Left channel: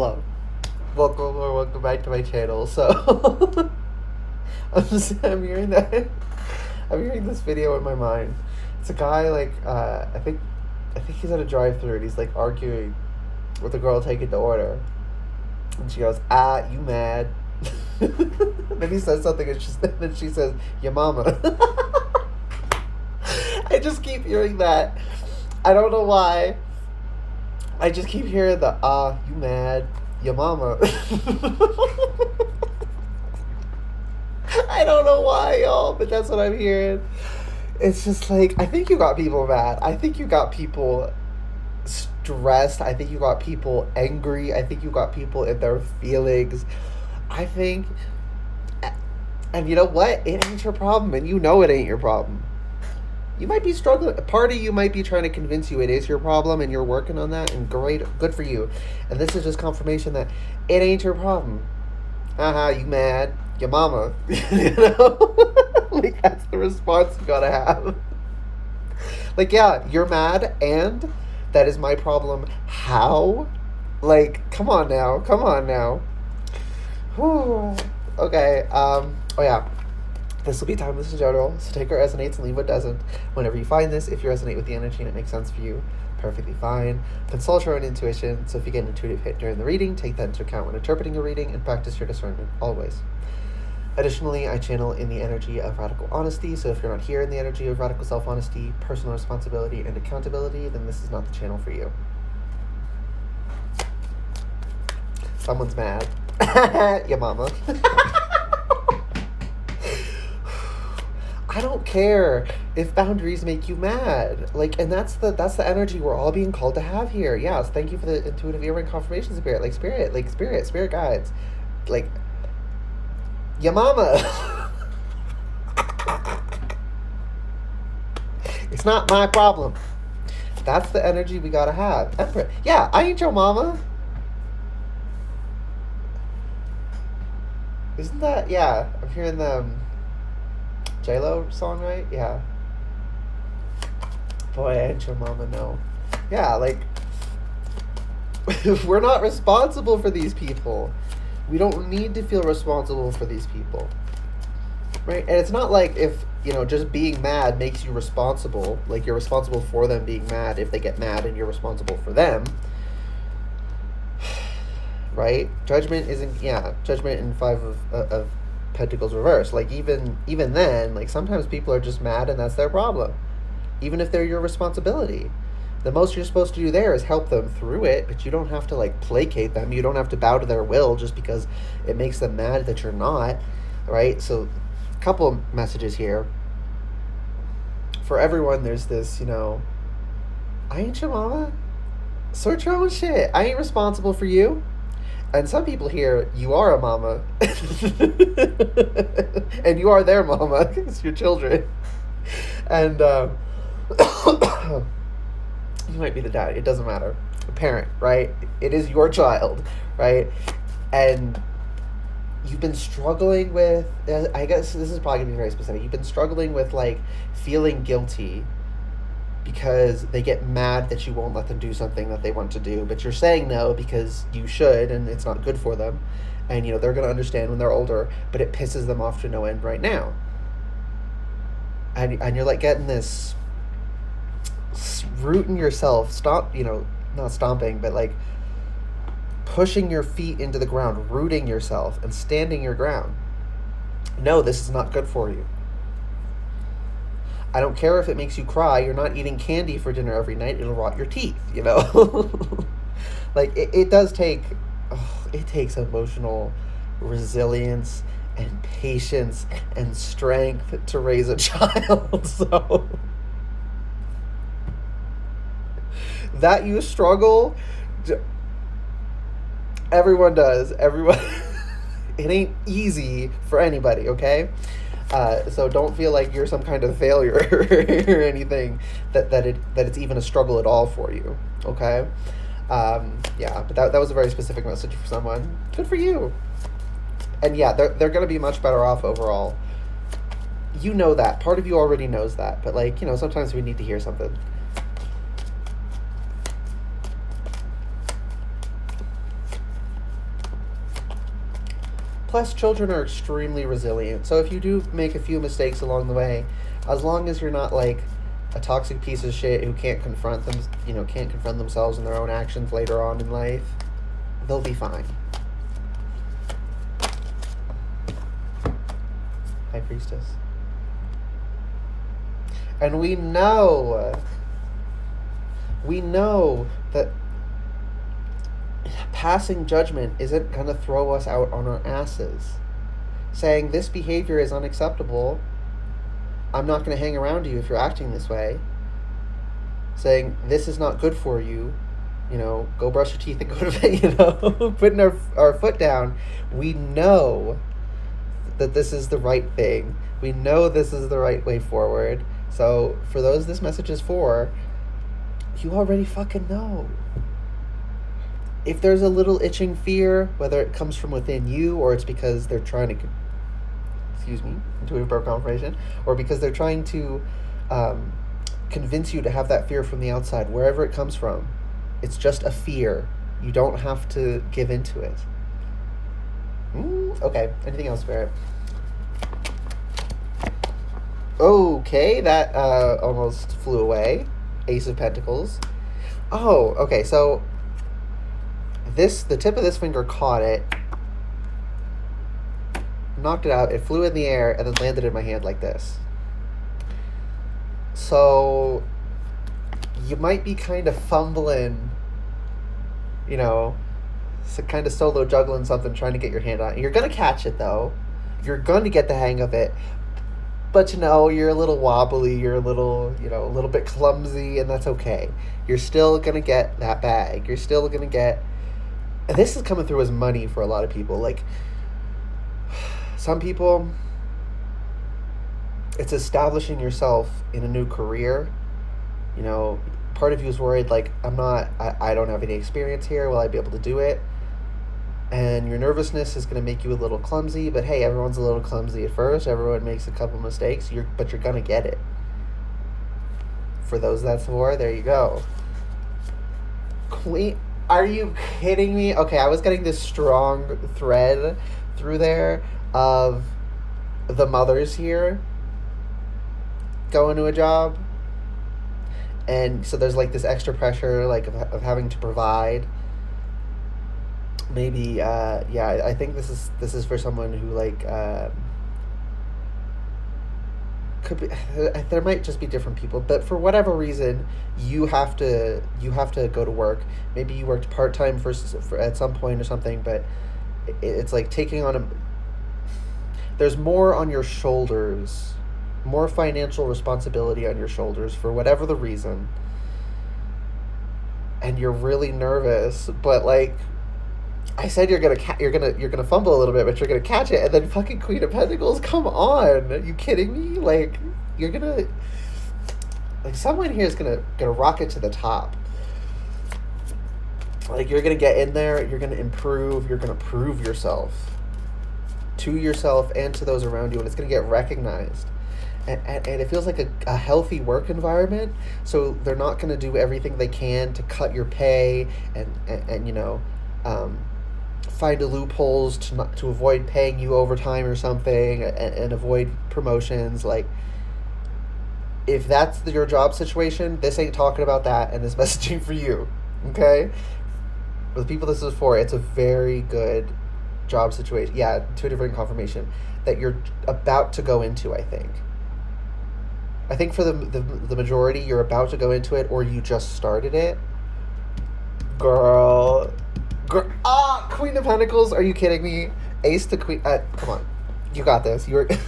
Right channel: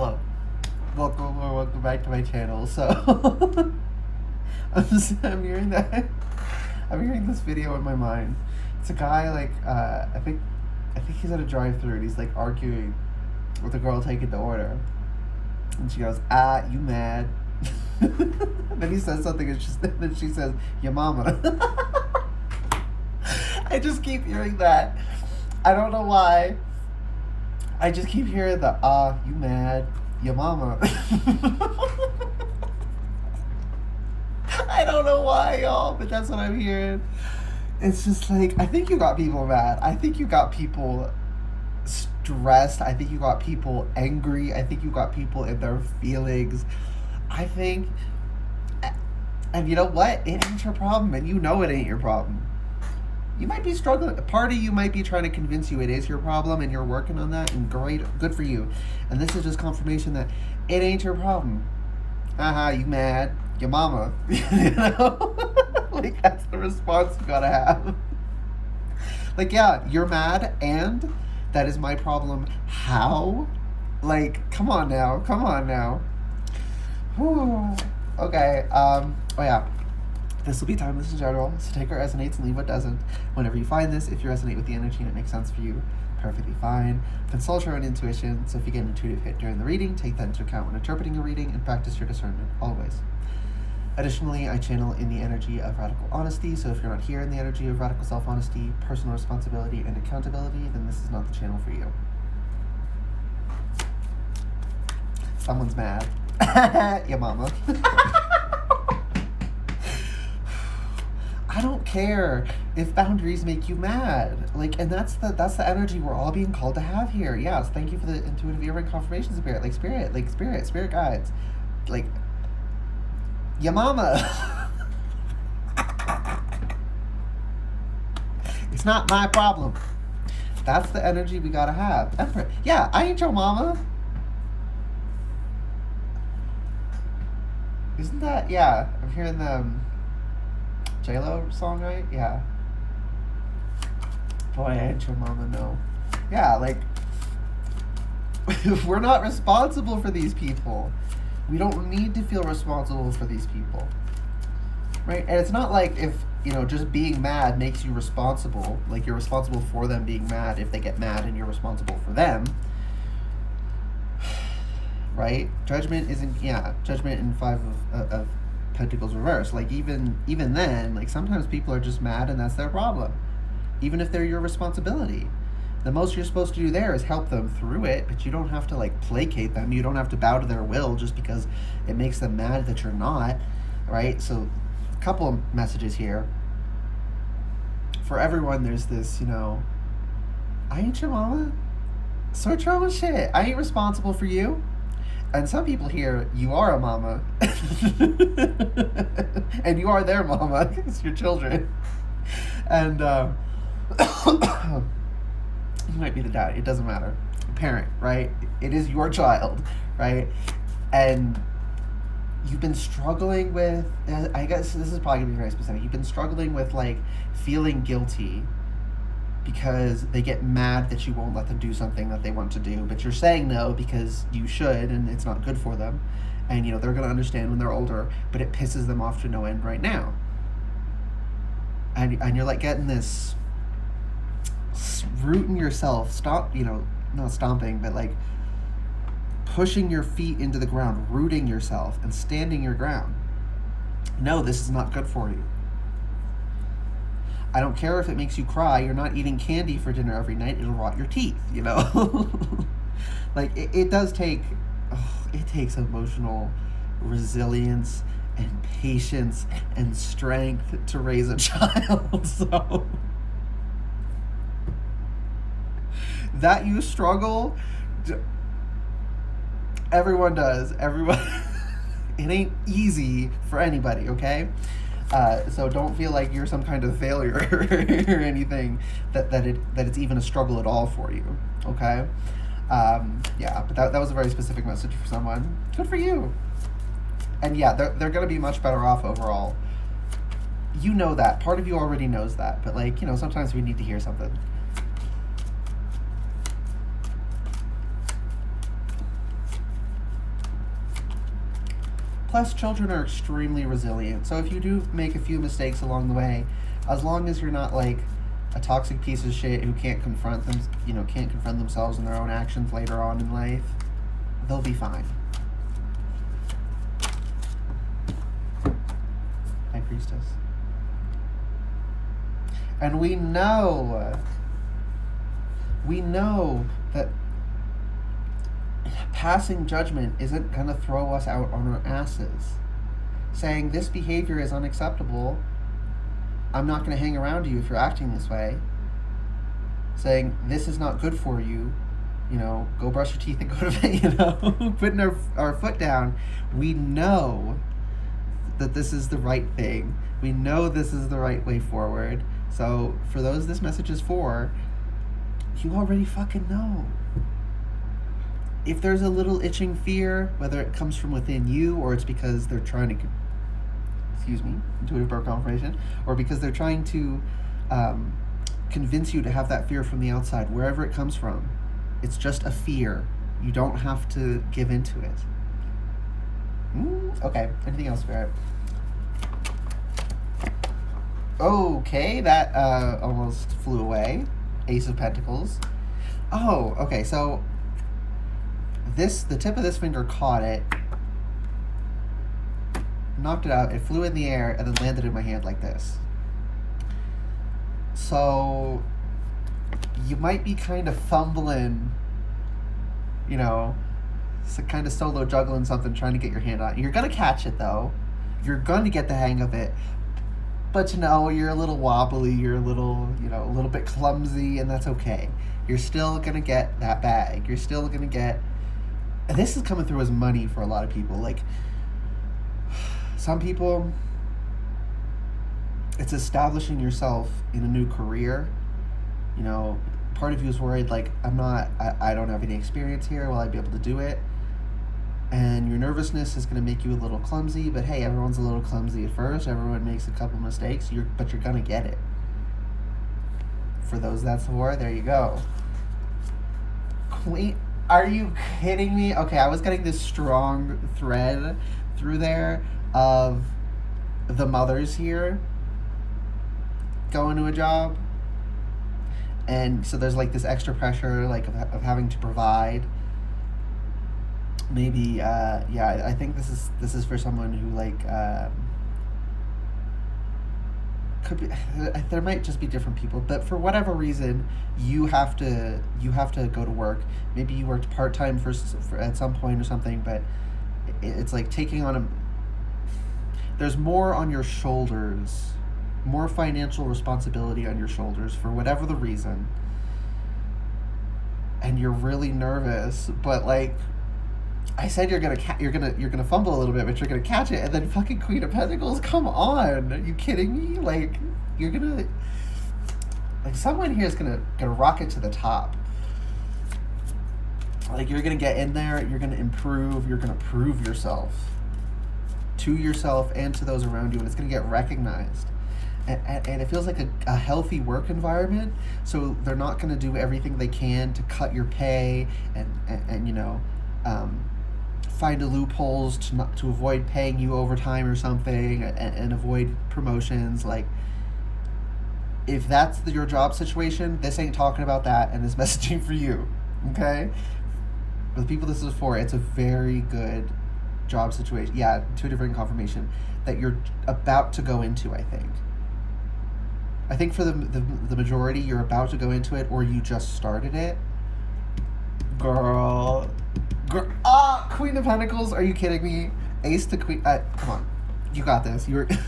Hello. Welcome back to my channel. So I'm hearing that. I'm hearing this video in my mind. It's a guy like I think he's at a drive-thru and he's like arguing with a girl taking the order, and she goes, "Ah, you mad?" Then he says something, and then she says, "Your mama." I just keep hearing that. I don't know why. I just keep hearing the you mad, your mama. I don't know why, y'all, but that's what I'm hearing. It's just like, I think you got people mad. I think you got people stressed. I think you got people angry. I think you got people in their feelings. I think, and you know what? It ain't your problem, and you know it ain't your problem. You might be struggling. A part of you might be trying to convince you it is your problem, and you're working on that, and great, good for you. And this is just confirmation that it ain't your problem. You mad? Your mama. You know? Like, that's the response you gotta have. Like, yeah, you're mad, and that is my problem. How? Like, come on now. Come on now. Whew. Okay, oh yeah. This will be timeless in general, so take what resonates and leave what doesn't. Whenever you find this, if you resonate with the energy and it makes sense for you, perfectly fine. Consult your own intuition, so if you get an intuitive hit during the reading, take that into account when interpreting a reading and practice your discernment, always. Additionally, I channel in the energy of radical honesty, so if you're not here in the energy of radical self-honesty, personal responsibility, and accountability, then this is not the channel for you. Someone's mad. Your mama. I don't care if boundaries make you mad. Like, and that's the energy we're all being called to have here. Yes, thank you for the intuitive earring confirmation, spirit. Like, spirit guides. Like, your mama. It's not my problem. That's the energy we gotta have. Emperor. Yeah, I ain't your mama. Isn't that, yeah, I'm hearing them. J-Lo song, right? Yeah. Boy, I ain't your mama, no. Yeah, like, we're not responsible for these people. We don't need to feel responsible for these people. Right? And it's not like if, just being mad makes you responsible. Like, you're responsible for them being mad if they get mad and you're responsible for them. Right? Judgment in Five of Pentacles reverse. Like, even then, like, sometimes people are just mad and that's their problem, even if they're your responsibility. The most you're supposed to do there is help them through it, but you don't have to, like, placate them. You don't have to bow to their will just because it makes them mad that you're not, right? So a couple of messages here for everyone. There's this, I ain't your mama, sort your own shit. I ain't responsible for you. And some people here, you are a mama. And you are their mama. It's your children. And you might be the dad. It doesn't matter. A parent, right? It is your child, right? And you've been struggling with, I guess this is probably going to be very specific. You've been struggling with, like, feeling guilty because they get mad that you won't let them do something that they want to do, but you're saying no because you should, and it's not good for them. And, they're going to understand when they're older, but it pisses them off to no end right now. And you're, like, getting this rooting yourself, not stomping, but, like, pushing your feet into the ground, rooting yourself, and standing your ground. No, this is not good for you. I don't care if it makes you cry. You're not eating candy for dinner every night. It'll rot your teeth, Like, it does take, it takes emotional resilience and patience and strength to raise a child. So that you struggle, everyone does. Everyone. It ain't easy for anybody, okay? So don't feel like you're some kind of failure or anything, that it's even a struggle at all for you, okay? Yeah, but that was a very specific message for someone. Good for you. And yeah, they're going to be much better off overall. You know that. Part of you already knows that. But, like, sometimes we need to hear something. Plus, children are extremely resilient. So if you do make a few mistakes along the way, as long as you're not like a toxic piece of shit who can't confront them, can't confront themselves and their own actions later on in life, they'll be fine. High Priestess. And we know that passing judgment isn't going to throw us out on our asses. Saying this behavior is unacceptable, I'm not going to hang around you if you're acting this way. Saying this is not good for you, go brush your teeth and go to bed, putting our foot down. We know that this is the right thing. We know this is the right way forward. So for those this message is for, you already fucking know. If there's a little itching fear, whether it comes from within you or it's because they're trying to, intuitive birth confirmation, or because they're trying to convince you to have that fear from the outside, wherever it comes from, it's just a fear. You don't have to give into it. Okay, anything else, Barrett? Okay, that almost flew away. Ace of Pentacles. Oh, okay, so the tip of this finger caught it, knocked it out, it flew in the air, and then landed in my hand like this. So you might be kind of fumbling, kind of solo juggling something, trying to get your hand on it. You're going to catch it, though. You're going to get the hang of it. But, you're a little wobbly, you're a little bit clumsy, and that's okay. You're still going to get that bag. You're still going to get... And this is coming through as money for a lot of people. Like, some people, it's establishing yourself in a new career. Part of you is worried, like, I don't have any experience here. Will I be able to do it? And your nervousness is going to make you a little clumsy, but hey, everyone's a little clumsy at first. Everyone makes a couple mistakes, but you're going to get it. For those that's for, there you go. Queen, are you kidding me? Okay, I was getting this strong thread through there of the mothers here going to a job. And so there's like this extra pressure, like of having to provide. Maybe, I think this is for someone who could be. There might just be different people, but for whatever reason, you have to go to work. Maybe you worked part-time for at some point or something, but it's like taking on there's more on your shoulders, more financial responsibility on your shoulders for whatever the reason, and you're really nervous, but like I said, you're gonna fumble a little bit, but you're gonna catch it, and then fucking Queen of Pentacles. Come on, are you kidding me? Like, you're gonna, like, someone here is gonna rocket to the top. Like, you're gonna get in there, you're gonna improve, you're gonna prove yourself to yourself and to those around you, and it's gonna get recognized. And it feels like a healthy work environment, so they're not gonna do everything they can to cut your pay and find loopholes to avoid paying you overtime or something, and avoid promotions. Like, if that's your job situation, this ain't talking about that, and this messaging for you, okay? For the people this is for, it's a very good job situation. Yeah, intuitive confirmation that you're about to go into, I think. I think for the majority, you're about to go into it, or you just started it. Girl. Queen of Pentacles, are you kidding me? Ace to Queen, come on. You got this. The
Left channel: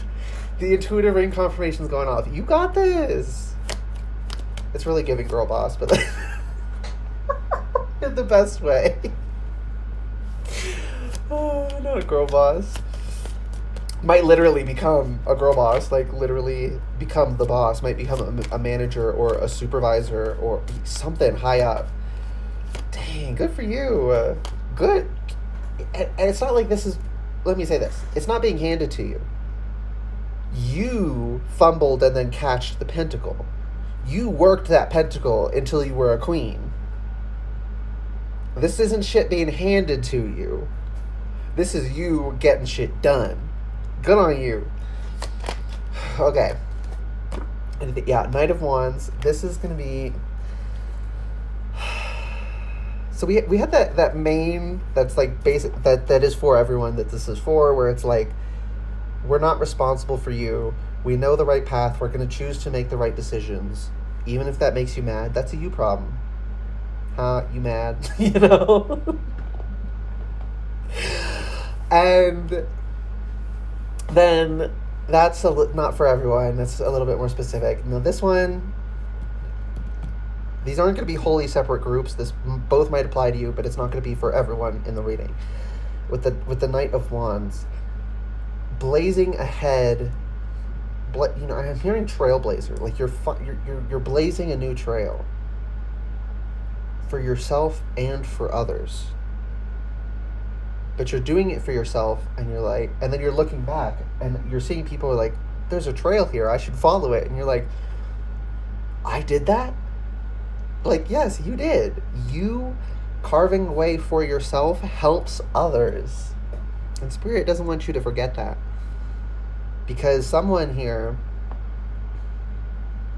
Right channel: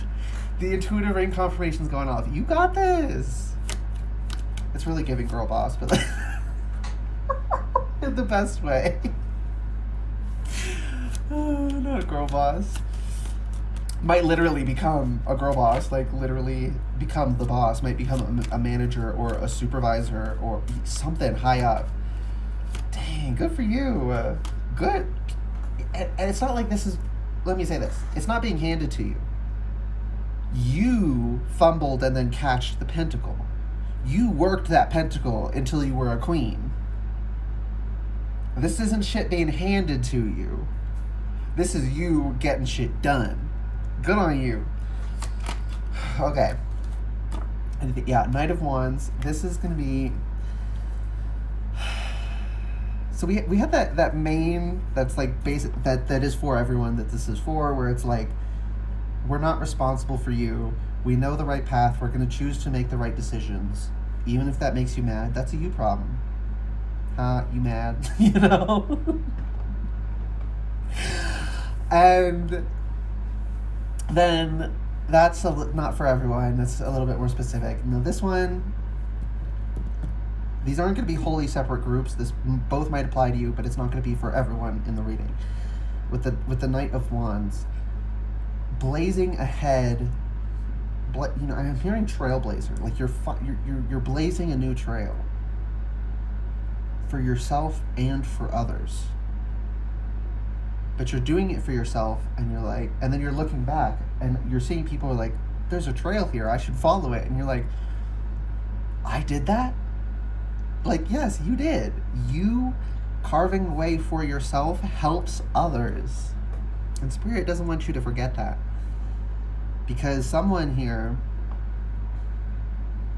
intuitive ring confirmation's going off. You got this. It's really giving girl boss, but in the best way. Oh, not a girl boss. Might literally become a girl boss, like literally become the boss, might become a manager or a supervisor or something high up. Dang, good for you. Good. And it's not like this is, let me say this, it's not being handed to you. You fumbled and then catched the pentacle. You worked that pentacle until you were a queen. This isn't shit being handed to you. This is you getting shit done. Good on you. Okay. Yeah, Knight of Wands. This is going to be. So we had that main that's like basic that is for everyone that this is for, where it's like, we're not responsible for you. We know the right path. We're going to choose to make the right decisions, even if that makes you mad. That's a you problem. Huh? You mad? You know. And then that's not for everyone. That's a little bit more specific. Now this one, these aren't going to be wholly separate groups. This both might apply to you, but it's not going to be for everyone in the reading. With the Knight of Wands, blazing ahead. You know, I'm hearing trailblazer. Like you're blazing a new trail for yourself and for others. But you're doing it for yourself, and you're like, and then you're looking back, and you're seeing people are like, "There's a trail here. I should follow it." And you're like, "I did that." Like, yes, you did. You carving a way for yourself helps others. And Spirit doesn't want you to forget that. Because someone here,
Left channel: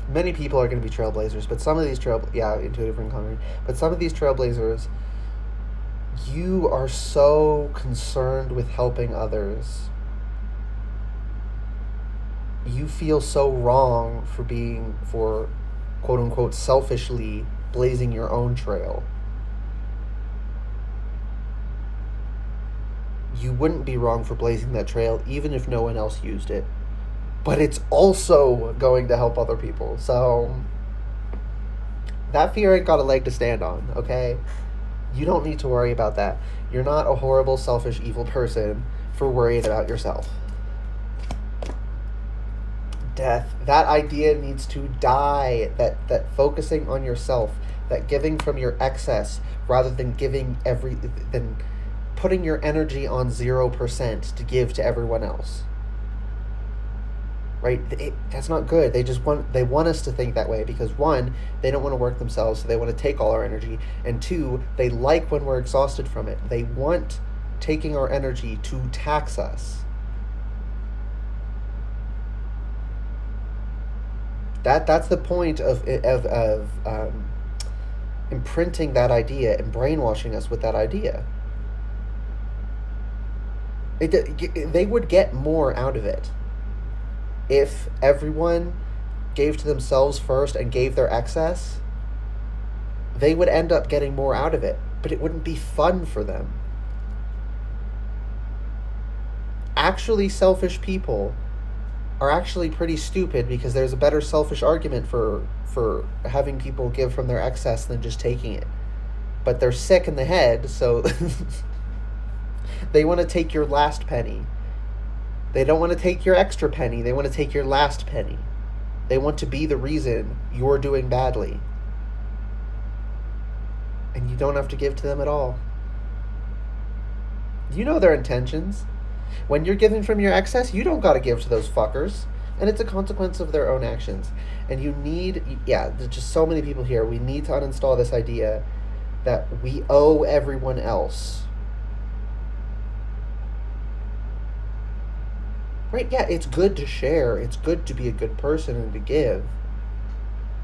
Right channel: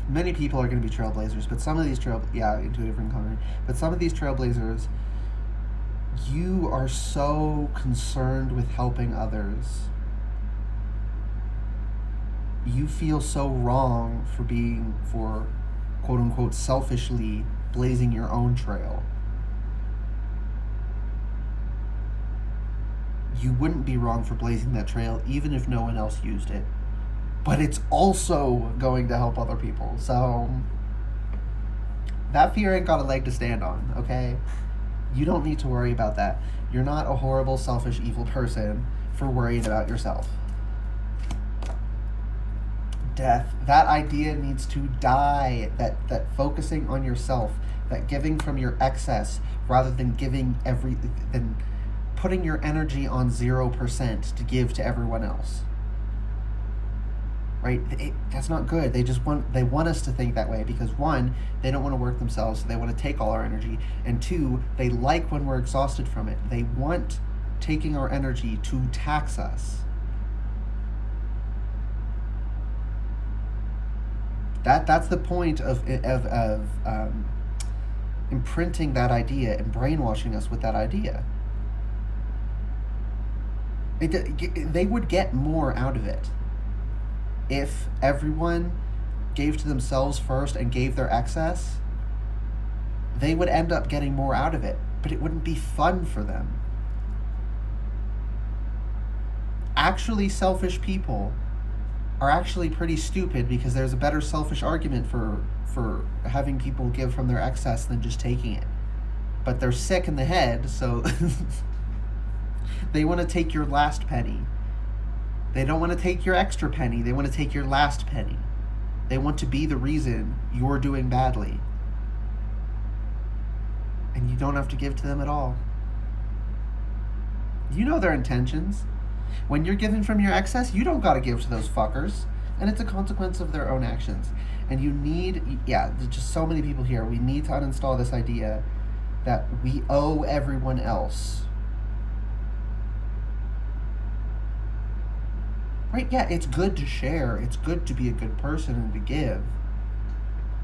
many people are going to be trailblazers, but some of these intuitive ring comment, but some of these trailblazers, you are so concerned with helping others. You feel so wrong for quote unquote selfishly blazing your own trail. You wouldn't be wrong for blazing that trail even if no one else used it. But it's also going to help other people. So that fear ain't got a leg to stand on, okay? You don't need to worry about that. You're not a horrible, selfish, evil person for worrying about yourself. Death. That idea needs to die. That focusing on yourself, that giving from your excess rather than than putting your energy on 0% to give to everyone else. Right? That's not good. They want us to think that way because, one, they don't want to work themselves, so they want to take all our energy, and two, they like when we're exhausted from it. They want taking our energy to tax us. That's the point of imprinting that idea and brainwashing us with that idea. They would get more out of it if everyone gave to themselves first and gave their excess. They would end up getting more out of it, but it wouldn't be fun for them. Actually, selfish people are actually pretty stupid because there's a better selfish argument for having people give from their excess than just taking it. But they're sick in the head, so they want to take your last penny. They don't want to take your extra penny. They want to take your last penny. They want to be the reason you're doing badly. And you don't have to give to them at all. You know their intentions. When you're giving from your excess, you don't got to give to those fuckers. And it's a consequence of their own actions. And you need, there's just so many people here. We need to uninstall this idea that we owe everyone else. Right? Yeah, it's good to share. It's good to be a good person and to give.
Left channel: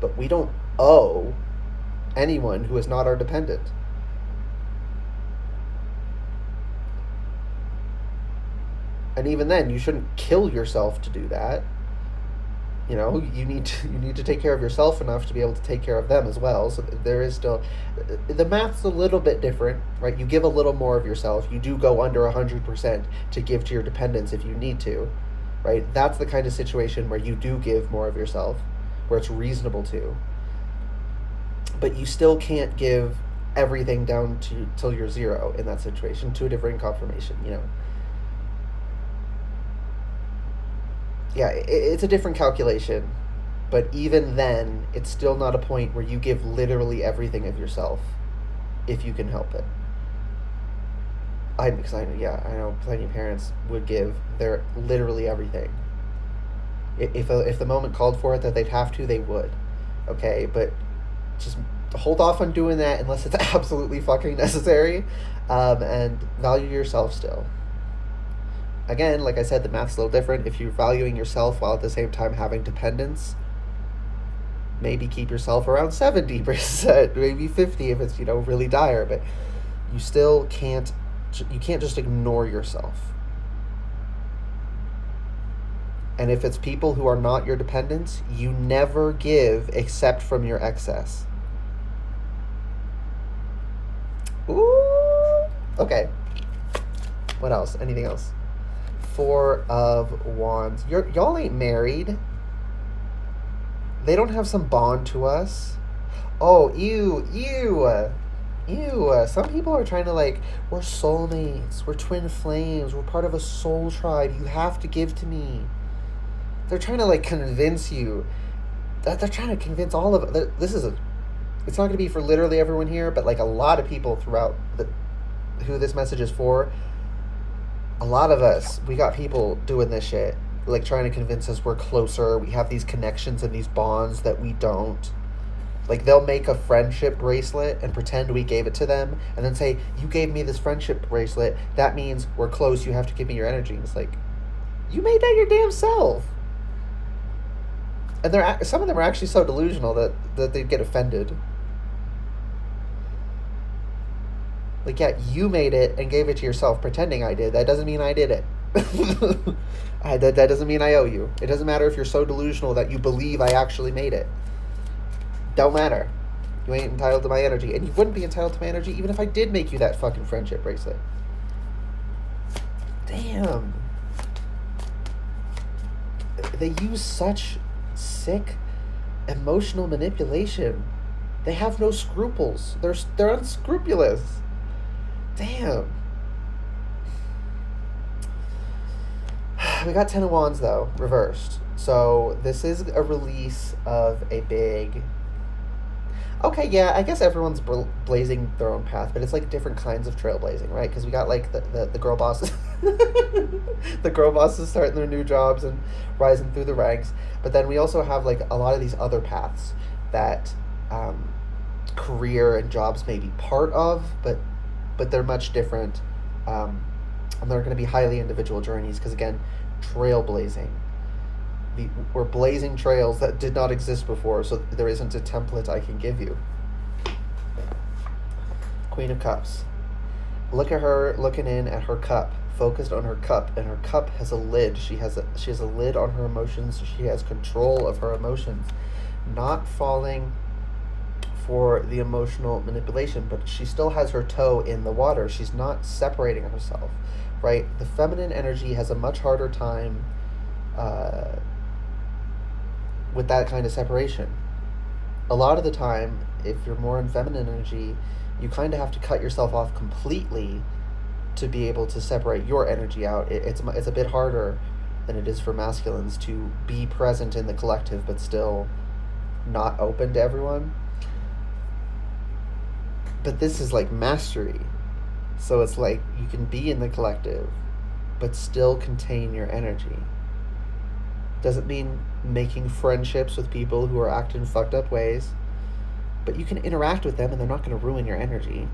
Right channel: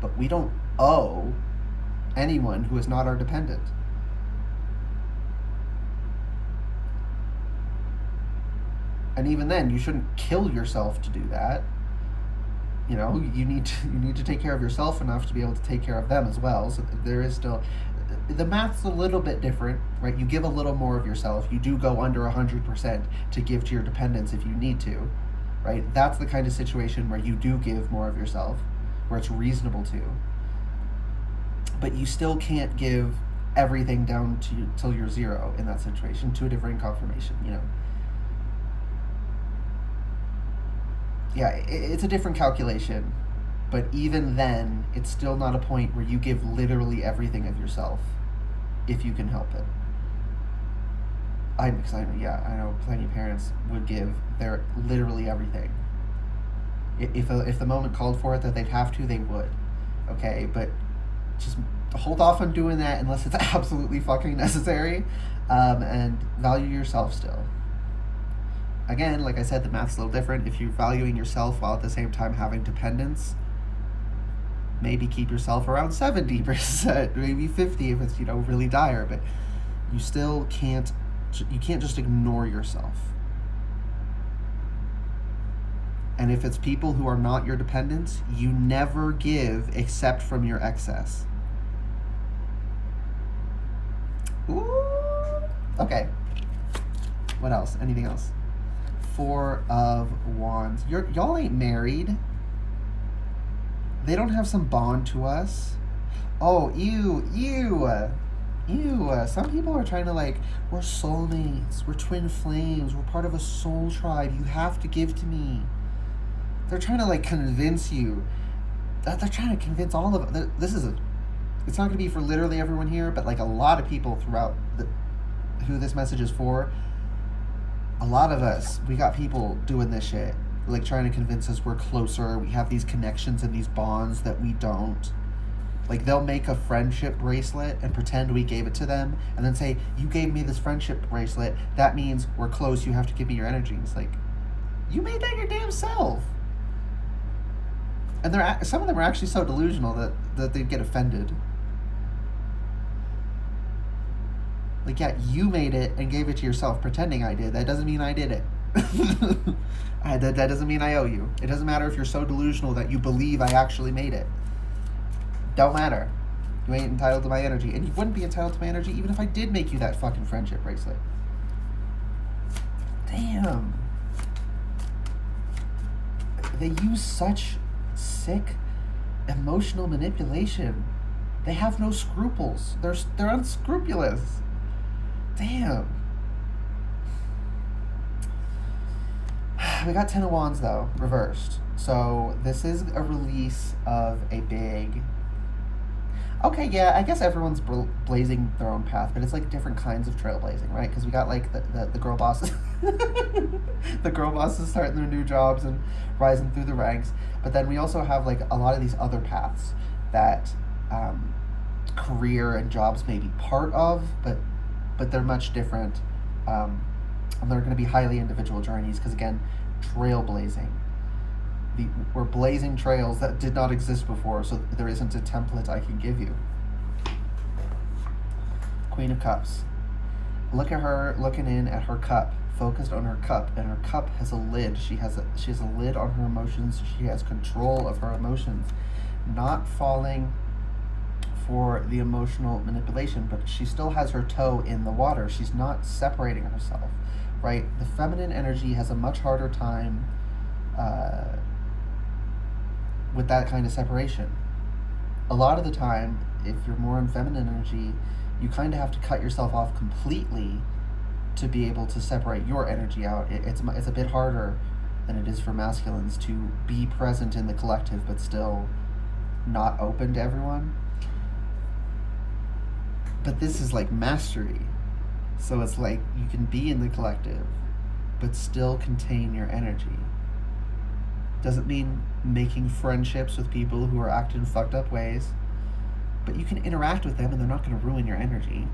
But we don't owe anyone who is not our dependent. And even then, you shouldn't kill yourself to do that. You know, you need to take care of yourself enough to be able to take care of them as well. So there is still, the math's a little bit different, right? You give a little more of yourself. You do go under 100% to give to your dependents if you need to, right? That's the kind of situation where you do give more of yourself, where it's reasonable to. But you still can't give everything down to till you're zero in that situation to a different confirmation, you know. Yeah, it's a different calculation, but even then, it's still not a point where you give literally everything of yourself, if you can help it. I'm excited, yeah, I know plenty of parents would give their literally everything. If the moment called for it that they'd have to, they would, okay? But just hold off on doing that unless it's absolutely fucking necessary, and value yourself still. Again, like I said, the math's a little different. If you're valuing yourself while at the same time having dependence, maybe keep yourself around 70%, maybe 50 if it's, really dire, but you still can't just ignore yourself. And if it's people who are not your dependents, you never give except from your excess. Ooh. Okay. What else? Anything else? Four of Wands. Y'all ain't married. They don't have some bond to us. Oh, ew. Some people are trying to we're soulmates, we're twin flames, we're part of a soul tribe, you have to give to me. They're trying to convince you. They're trying to convince all of it. It's not going to be for literally everyone here, but a lot of people throughout who this message is for, a lot of us, we got people doing this shit, trying to convince us we're closer, we have these connections and these bonds that we don't. They'll make a friendship bracelet and pretend we gave it to them and then say, you gave me this friendship bracelet, that means we're close, you have to give me your energy. And it's you made that your damn self. And some of them are actually so delusional that they get offended. Yeah, you made it and gave it to yourself pretending I did. That doesn't mean I did it. That doesn't mean I owe you. It doesn't matter if you're so delusional that you believe I actually made it. Don't matter. You ain't entitled to my energy. And you wouldn't be entitled to my energy even if I did make you that fucking friendship bracelet. Damn. They use such sick emotional manipulation. They have no scruples. They're unscrupulous. Damn. We got Ten of Wands though, reversed. So this is a release of a big... Okay, yeah, I guess everyone's blazing their own path, but it's different kinds of trailblazing, right? Because we got the girl bosses, the girl bosses starting their new jobs and rising through the ranks. But then we also have a lot of these other paths that career and jobs may be part of, but they're much different, and they're going to be highly individual journeys. Because again, trailblazing. We're blazing trails that did not exist before, so there isn't a template I can give you. Queen of Cups. Look at her looking in at her cup, focused on her cup, and her cup has a lid. She has a lid on her emotions. She has control of her emotions, not falling for the emotional manipulation, but she still has her toe in the water. She's not separating herself, right? The feminine energy has a much harder time with that kind of separation. A lot of the time, if you're more in feminine energy, you kind of have to cut yourself off completely to be able to separate your energy out. It's a bit harder than it is for masculines to be present in the collective but still not open to everyone. But this is mastery. So it's you can be in the collective but still contain your energy. Doesn't mean making friendships with people who are acting fucked up ways, but you can interact with them and they're not going to ruin your energy.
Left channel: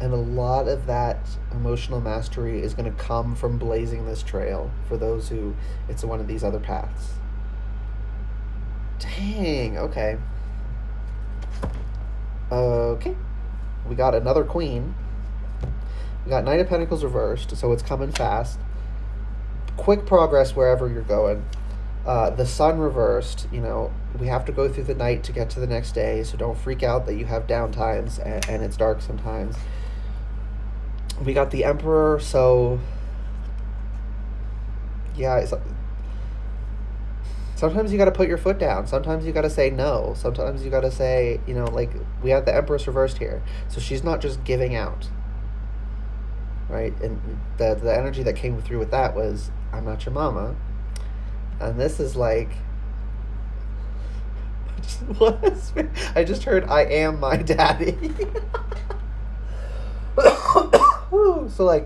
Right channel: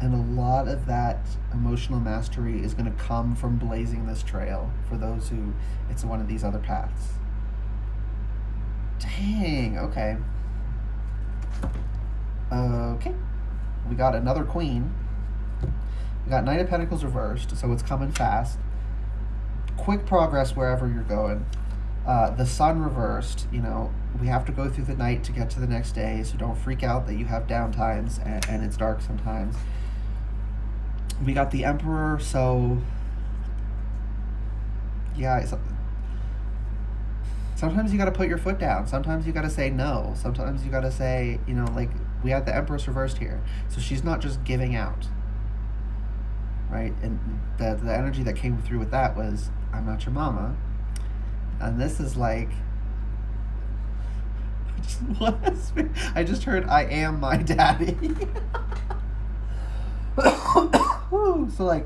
And a lot of that emotional mastery is going to come from blazing this trail for those who it's one of these other paths. Dang, okay. Okay. We got another queen. We got Knight of Pentacles reversed, so it's coming fast. Quick progress wherever you're going. The Sun reversed, we have to go through the night to get to the next day, so don't freak out that you have downtimes and it's dark sometimes. We got the Emperor, so yeah, sometimes you got to put your foot down. Sometimes you got to say no. Sometimes you got to say, we have the Empress reversed here, so she's not just giving out. Right, and the energy that came through with that was, I'm not your mama, and this is I just heard, I am my daddy. So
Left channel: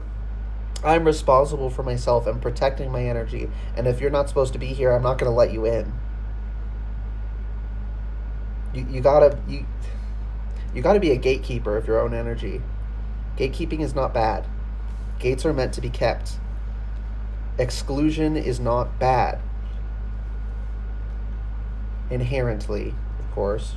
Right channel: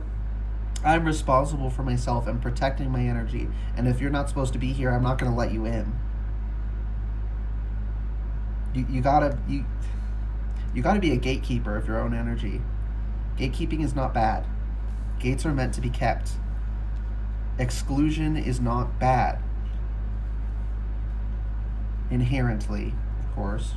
I'm responsible for myself and protecting my energy, and if you're not supposed to be here, I'm not going to let you in. You gotta be a gatekeeper of your own energy. Gatekeeping is not bad. Gates are meant to be kept. Exclusion is not bad. Inherently, of course.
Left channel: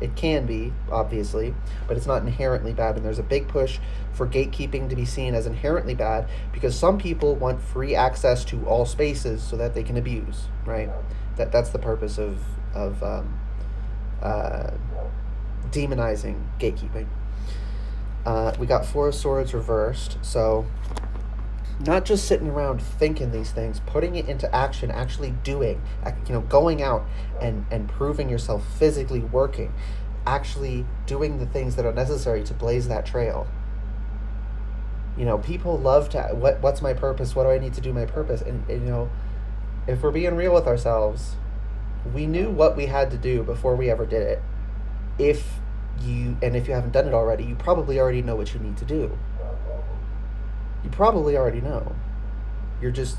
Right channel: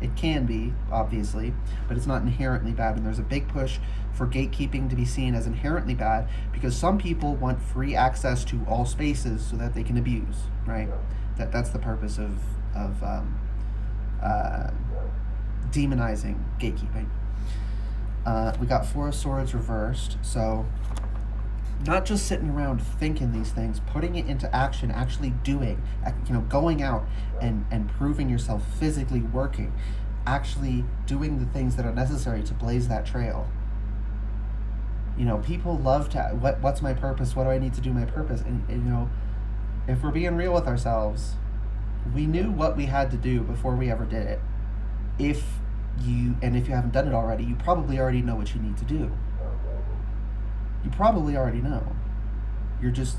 It can be, obviously, but it's not inherently bad. And there's a big push for gatekeeping to be seen as inherently bad because some people want free access to all spaces so that they can abuse, right? That's the purpose of demonizing gatekeeping. We got Four of Swords reversed, so not just sitting around thinking these things, putting it into action, actually doing, going out and proving yourself, physically working, actually doing the things that are necessary to blaze that trail. People love to, what's my purpose? What do I need to do my purpose? And if we're being real with ourselves, we knew what we had to do before we ever did it. If you haven't done it already, you probably already know what you need to do. You probably already know. You're just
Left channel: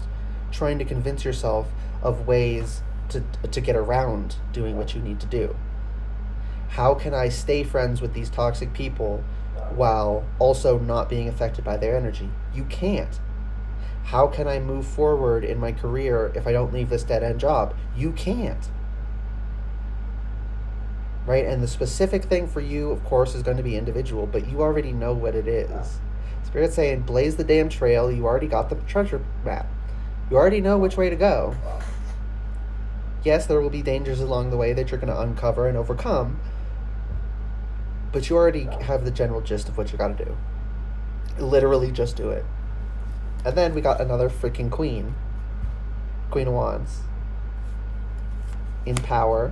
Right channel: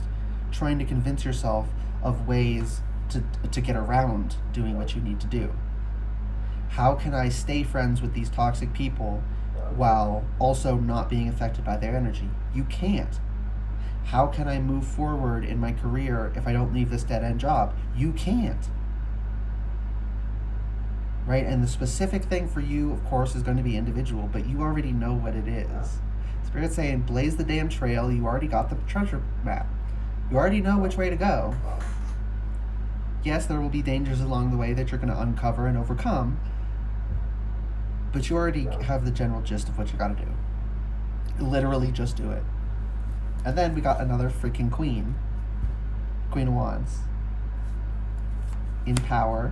trying to convince yourself of ways to get around doing what you need to do. How can I stay friends with these toxic people while also not being affected by their energy? You can't. How can I move forward in my career if I don't leave this dead-end job? You can't. Right? And the specific thing for you, of course, is going to be individual, but you already know what it is. Spirit's saying, blaze the damn trail. You already got the treasure map. You already know which way to go. Yes, there will be dangers along the way that you're going to uncover and overcome, but you already have the general gist of what you got to do. Literally just do it. And then we got another freaking queen. Queen of Wands. In power.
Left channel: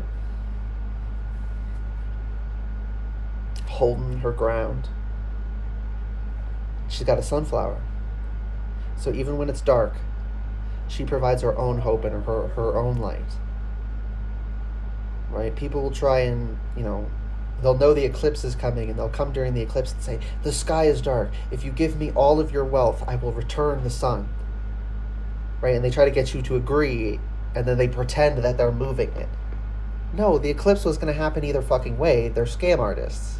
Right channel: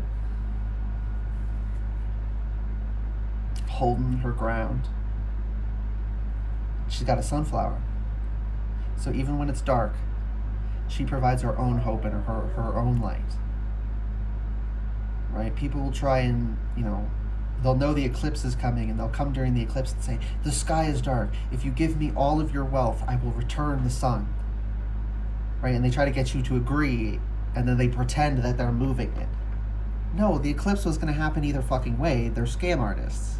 Holding her ground. She's got a sunflower. So even when it's dark, she provides her own hope and her own light. Right? People will try and, they'll know the eclipse is coming and they'll come during the eclipse and say, the sky is dark. If you give me all of your wealth, I will return the sun. Right? And they try to get you to agree, and then they pretend that they're moving it. No, the eclipse was going to happen either fucking way. They're scam artists.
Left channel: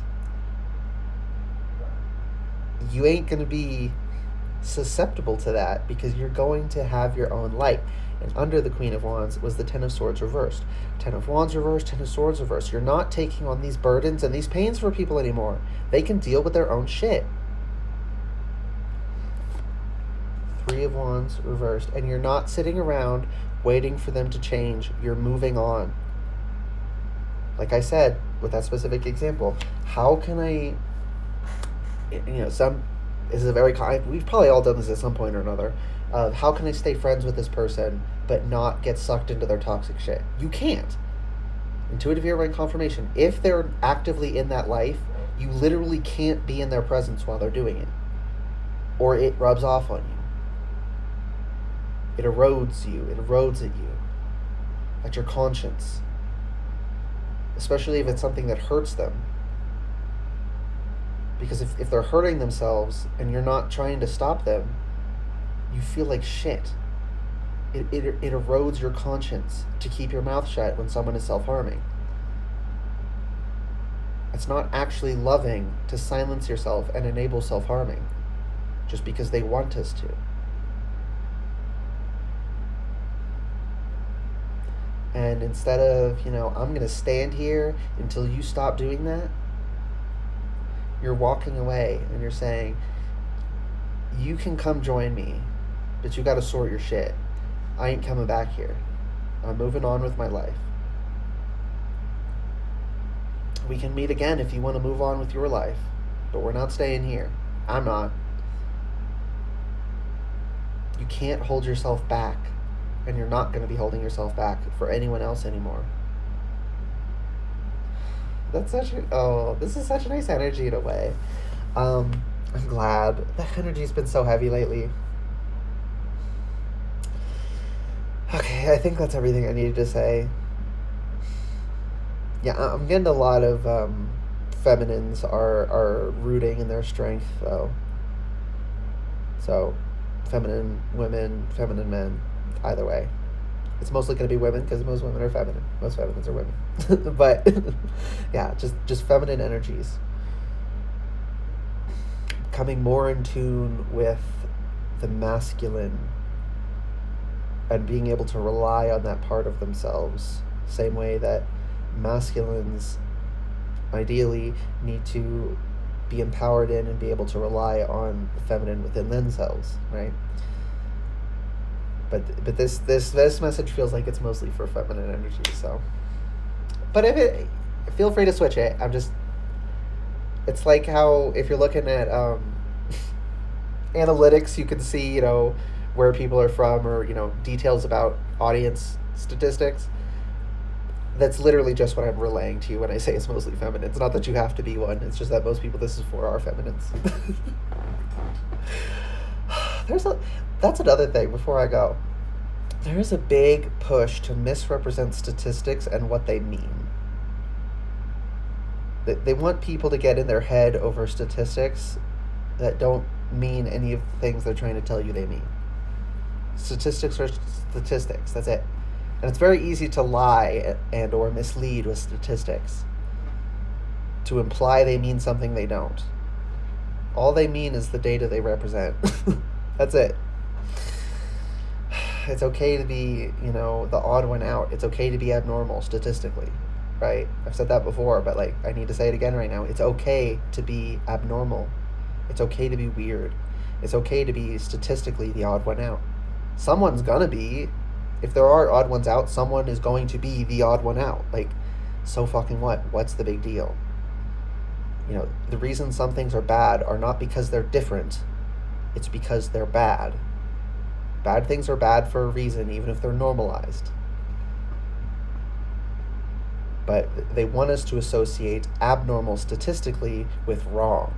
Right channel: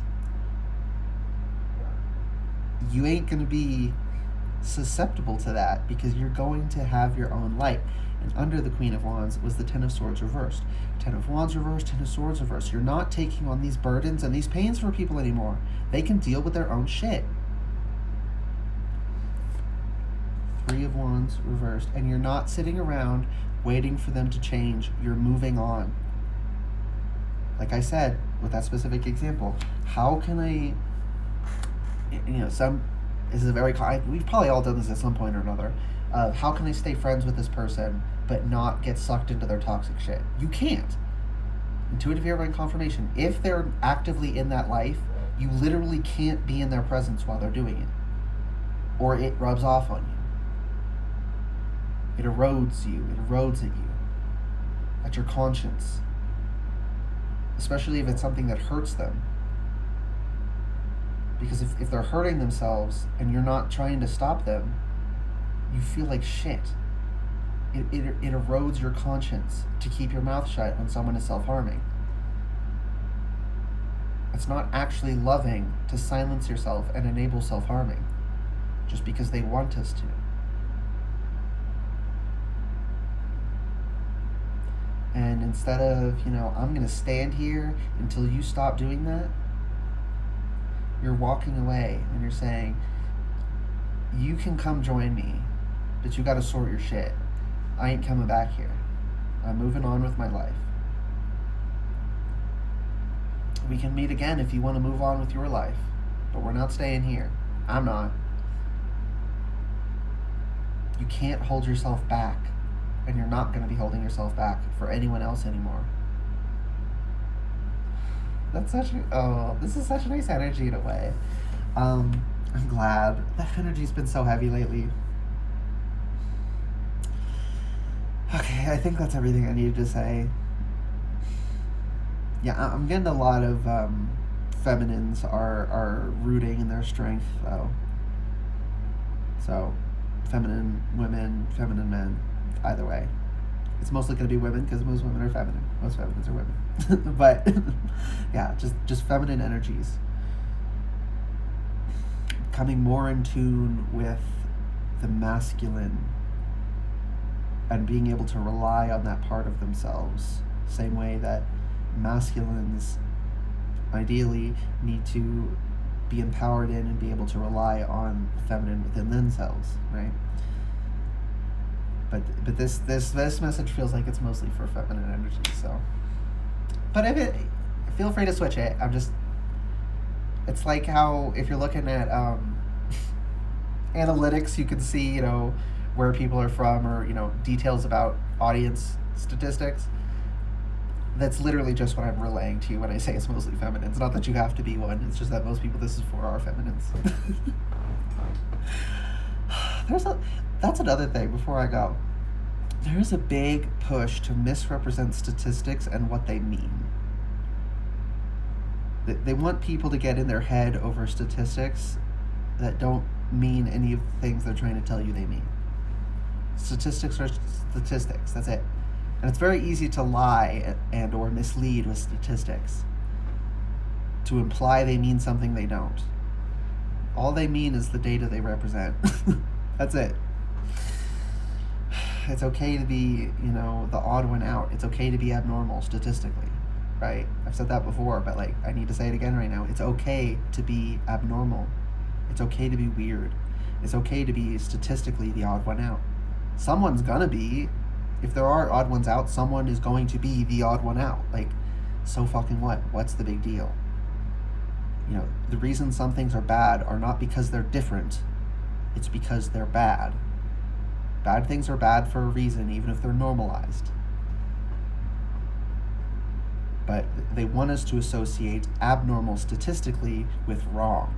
You ain't going to be susceptible to that because you're going to have your own light. And under the Queen of Wands was the Ten of Swords reversed. Ten of Wands reversed, Ten of Swords reversed. You're not taking on these burdens and these pains for people anymore. They can deal with their own shit. Three of Wands reversed. And you're not sitting around waiting for them to change. You're moving on. Like I said, with that specific example, how can I... this is a very we've probably all done this at some point or another, of how can I stay friends with this person but not get sucked into their toxic shit? You can't. Intuitive earring confirmation. If they're actively in that life, you literally can't be in their presence while they're doing it, or it rubs off on you. It erodes you. It erodes at you, at your conscience, especially if it's something that hurts them. Because if they're hurting themselves and you're not trying to stop them, you feel like shit. It erodes your conscience to keep your mouth shut when someone is self-harming. It's not actually loving to silence yourself and enable self-harming just because they want us to. And instead of, I'm going to stand here until you stop doing that, you're walking away and you're saying, you can come join me, but you got to sort your shit. I ain't coming back here. I'm moving on with my life. We can meet again if you want to move on with your life, but we're not staying here. I'm not. You can't hold yourself back, and you're not going to be holding yourself back for anyone else anymore. This is such a nice energy in a way. I'm glad. The energy's been so heavy lately. Okay, I think that's everything I needed to say. Yeah, I'm getting a lot of feminines are rooting in their strength, though. So, feminine women, feminine men, either way. It's mostly going to be women because most women are feminine. Most feminines are women. But, yeah, just feminine energies. coming more in tune with the masculine and being able to rely on that part of themselves, same way that masculines ideally need to be empowered in and be able to rely on the feminine within themselves, right? But this message feels like it's mostly for feminine energy. So, but if it, feel free to switch it. It's like how if you're looking at analytics, you can see where people are from, or details about audience statistics. That's literally just what I'm relaying to you when I say it's mostly feminine. It's not that you have to be one. It's just that most people this is for are feminines. That's another thing before I go. There is a big push to misrepresent statistics and what they mean. They want people to get in their head over statistics that don't mean any of the things they're trying to tell you they mean. Statistics are statistics. That's it. And it's very easy to lie and or mislead with statistics, to imply they mean something they don't. All they mean is the data they represent. That's it. It's okay to be, the odd one out. It's okay to be abnormal statistically, right? I've said that before, but I need to say it again right now. It's okay to be abnormal. It's okay to be weird. It's okay to be statistically the odd one out. Someone's gonna be. If there are odd ones out, someone is going to be the odd one out. So fucking what? What's the big deal? The reason some things are bad are not because they're different. It's because they're bad. Bad things are bad for a reason, even if they're normalized. But they want us to associate abnormal statistically with wrong.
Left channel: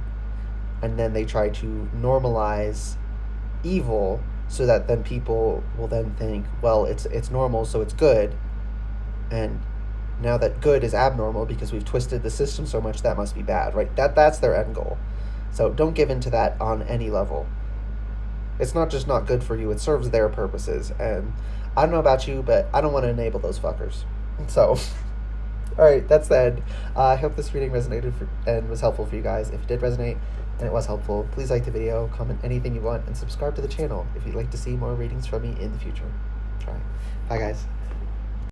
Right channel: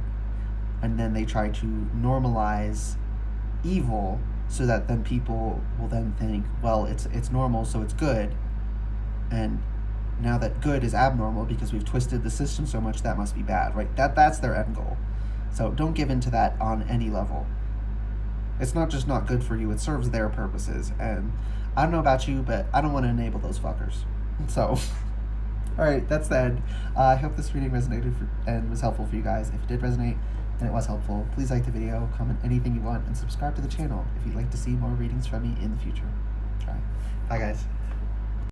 And then they try to normalize evil so that then people will then think, well, it's normal, so it's good. And now that good is abnormal because we've twisted the system so much, that must be bad, right? That's their end goal. So don't give in to that on any level. It's not just not good for you, it serves their purposes. And I don't know about you, but I don't want to enable those fuckers. So, all right, that's the end. I hope this reading resonated and was helpful for you guys. If it did resonate and it was helpful, please like the video, comment anything you want, and subscribe to the channel if you'd like to see more readings from me in the future. All right, bye guys.